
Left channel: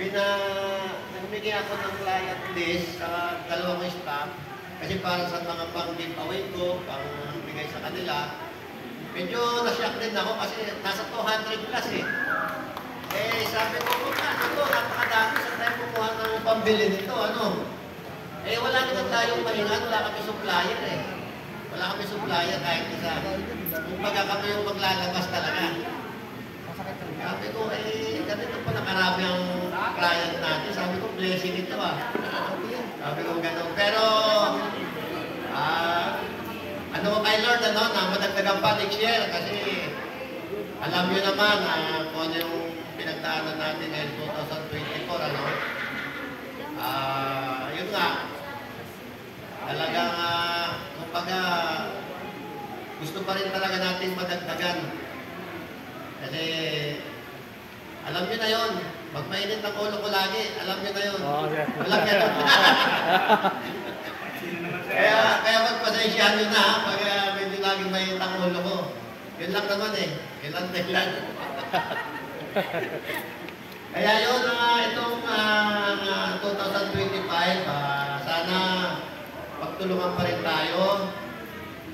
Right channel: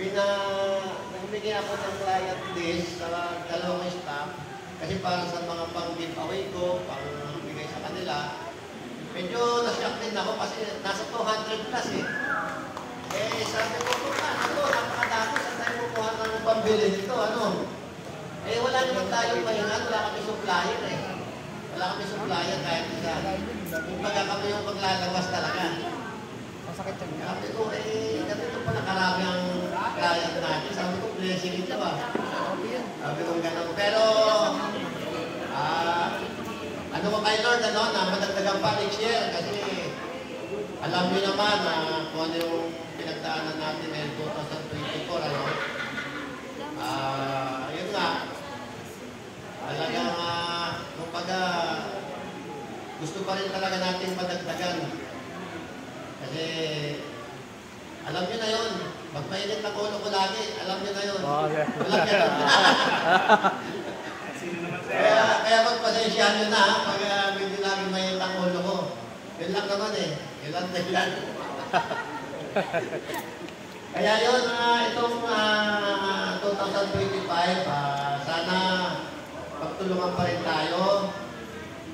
namigay ako ng client list sa dalawang staff, kasi para sa mga pang-giveaway ko, pang-bigay sa kanila, medyo na-shock din ako kasi nasa 200 plus eh. Sabi ko, napakadami, saan tayo kumuha ng pambili nito, ano? Wala naman tayong mahingan, wala kami supplier eh. Wala kami supplier kahit isa. Kung baga kami yung maglalabas talaga. Sabi ko, ganito pa nakarami ang client natin. Sabi ko, blessing ito ah. Sabi ko gano'n. Pero, ano ko kay Lord, ano, na madagdagan pa next year kasi alam nyo naman kung ano yung pinagdaanan natin ngayon 2024, ano. Yun nga, talagang, kumbaga, gusto pa rin talaga natin madagdagan. Kasi, alam nyo na yun, pag mainit ang ulo ko lagi, alam nyo na yun. Walang ganun. Kaya magpasensyahan nyo na, pag medyo lagi mainit ang ulo ko. Yun lang naman eh. Yun lang dahilan. Kaya yun, itong 2025, sana pagtulungan pa rin tayo.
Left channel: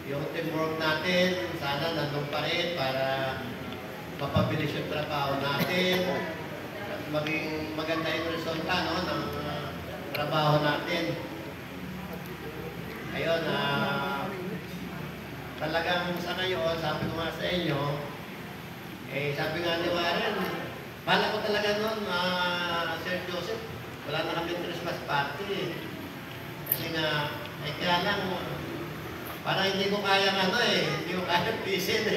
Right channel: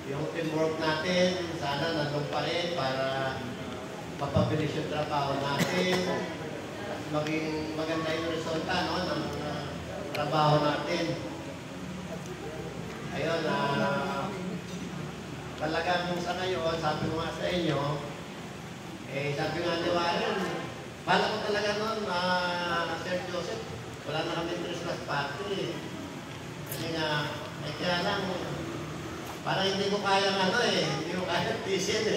Yung teamwork natin, sana nandun pa rin para mapabilis yung trabaho natin at maging maganda yung resulta, no, ng trabaho natin. Ayun, talagang sa ngayon, sabi ko nga sa inyo, sabi nga ni Warren, bala ko talaga nun, Sir Joseph, wala na kami Christmas party. Kasi nga, kaya lang, parang hindi ko kaya hindi ko kaya pisin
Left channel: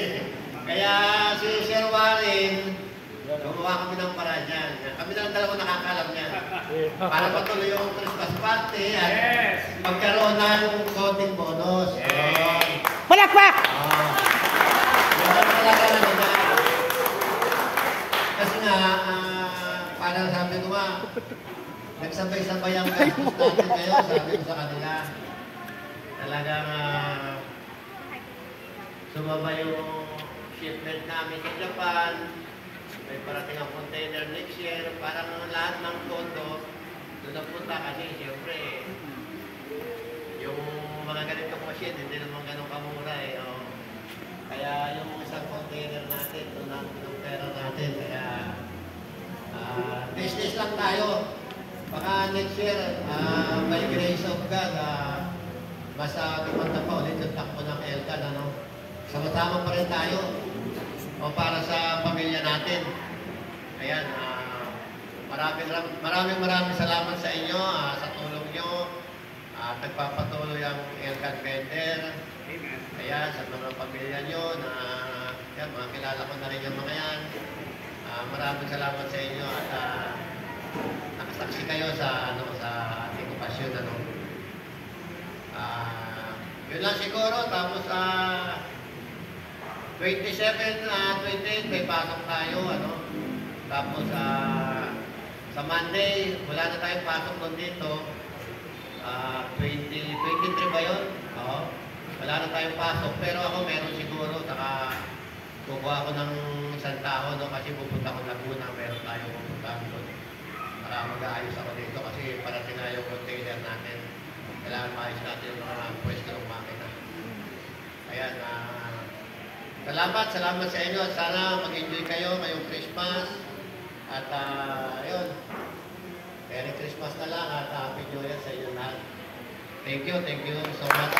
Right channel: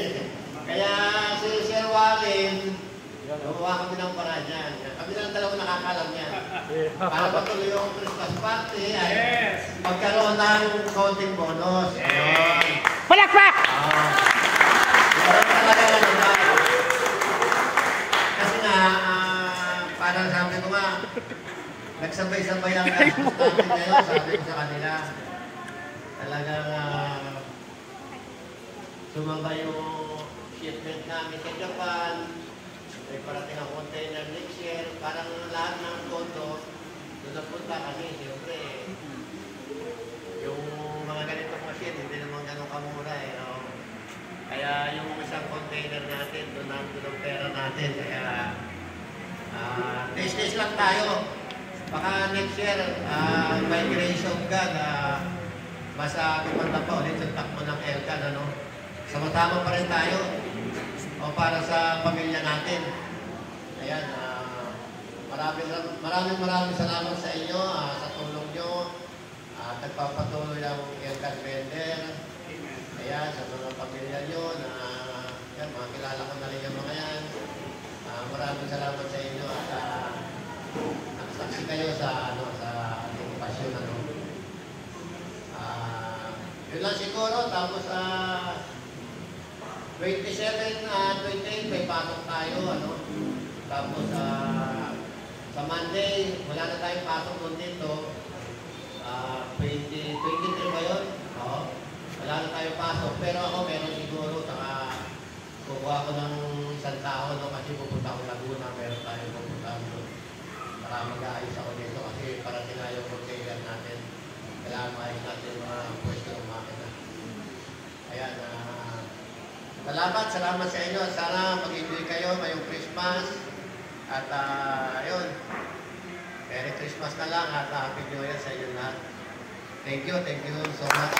Kaya si Sir Warren, gumawa kami ng paraan dyan. Kami na lang dalawa nakakalam niyan. Para patuloy yung Christmas party at magkaroon ng konting bonus. Palakpak! Kasi nga, parang sabi ko nga, nagsabay-sabay ang Christmas natin ngayon, sabi ko sa kanila. Talagang sumaba yung shipment namin sa Japan. May parating ang container next year. Parang lahat ng pondo doon napunta kasi siyempre yung mga ganitong machine hindi naman ganun kamura eh. No? Kaya yung isang container natin, doon ang pera natin. Kaya business lang tayo. Baka next year, by grace of God, mas kumanta pa ulit yung takbo ng Elcan, ano? Sama-sama pa rin tayo o para sa pamilya natin. Ayan, maraming salamat sa inyo, sa tulong nyo. Nagpapatuloy ang Elcan Vendor. Ayan, sa mga pamilya nyo na yan, mga kilala ko na rin yung mga yan. Maraming salamat sa inyo at nakasaksi kayo sa ating pasyon. Ano. Yun lang siguro, tapos 27, 28 may pasok tayo, ano. Tapos sa Monday, wala na tayong pasok doon dito. 23 ba yun? Oo. Wala na tayong pasok, pero ako meron siguro, saka kukuha ko ng isang tao, no, kasi pupunta ko Laguna, meron tayong pupuntahan doon. Para mag-aayos ako dito kasi parating na yung container natin. Kailangan maayos natin yung mga pwesto ng makina. Ayan, salamat sa inyo. Sana mag-enjoy kayo ngayong Christmas. At yun, Merry Christmas na lang at Happy New Year sa inyo lahat. Thank you so much.